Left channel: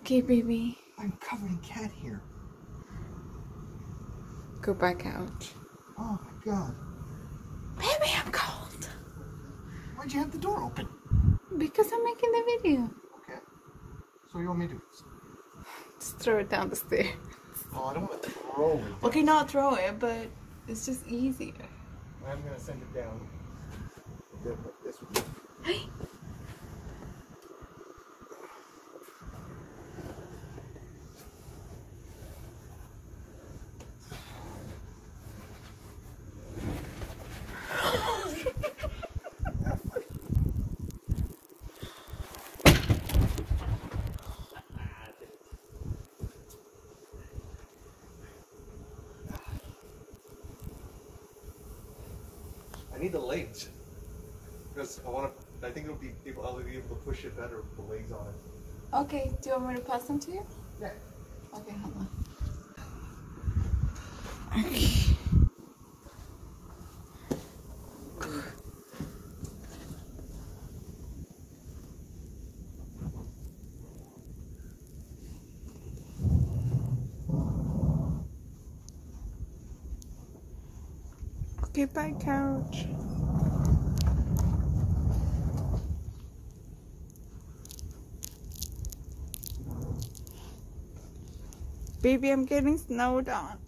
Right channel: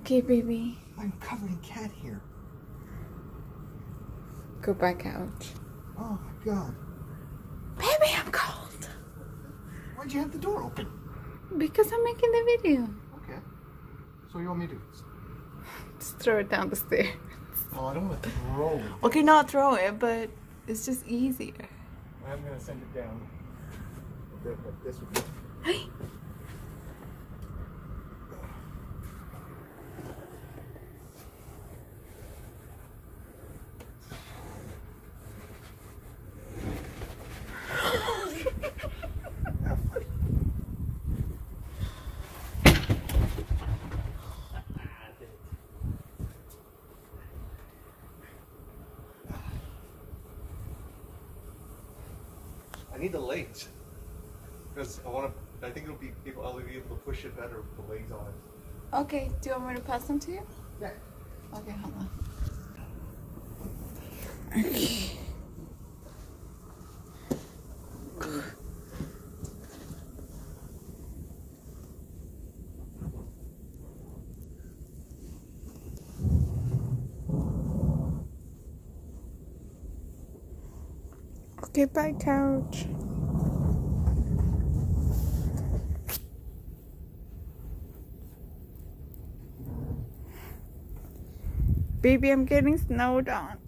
Okay, baby. I'm covered in cat hair. Go back out. Oh my god. Baby, I'm cold. Why'd you have the door open? Because I'm making the video. Okay. So what do you want me to do? Just throw it down the stairs. Oh, I don't want to throw it. Okay, not throw it, but it's just easier. I'm going to send it down. This would be... I need the legs because I think I'll be able to push it better with the legs on it. Okay, do you want me to pass them to you? Yeah. Okay, hold on. Okay. Okay, bye, couch. Baby, I'm getting snowed on.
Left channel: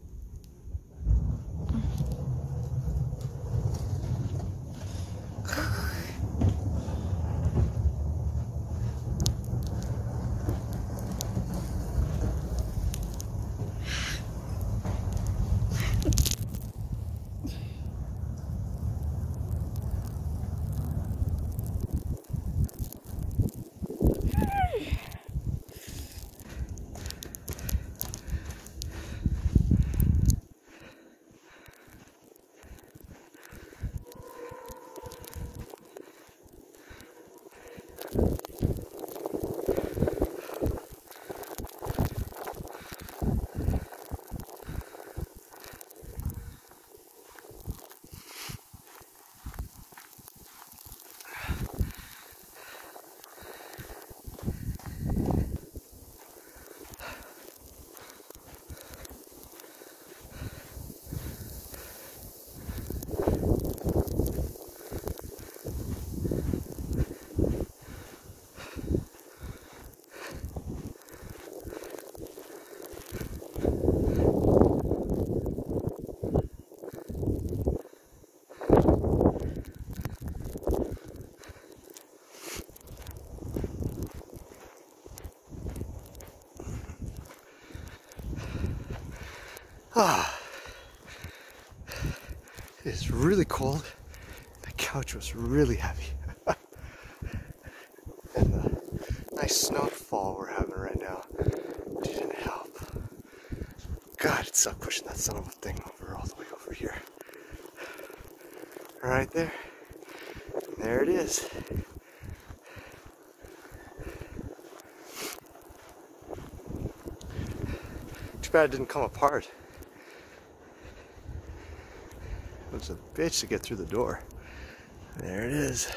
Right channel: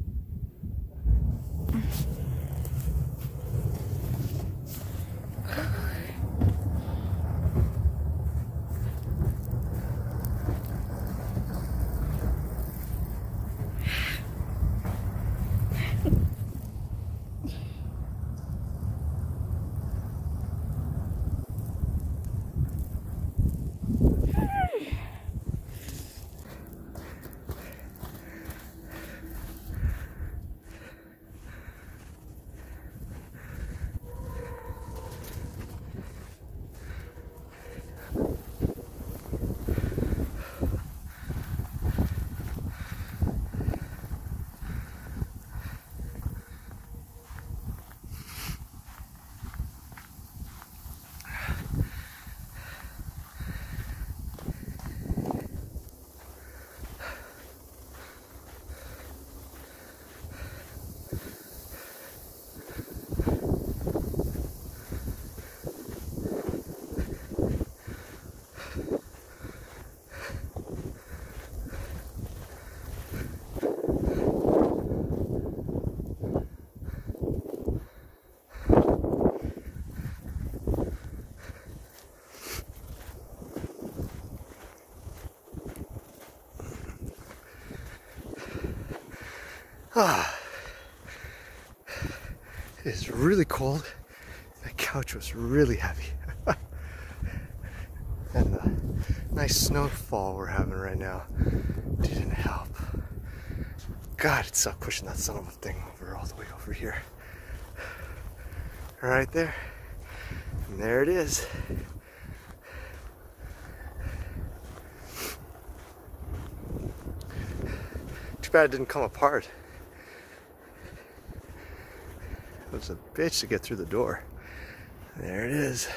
Ah, it is really cold. The couch was really heavy. And the nice snowfall we're having right now didn't help. God, it sucked pushing that son of a thing over all the way over here. Right there. And there it is. Too bad it didn't come apart. It was a bitch to get through the door. There it is.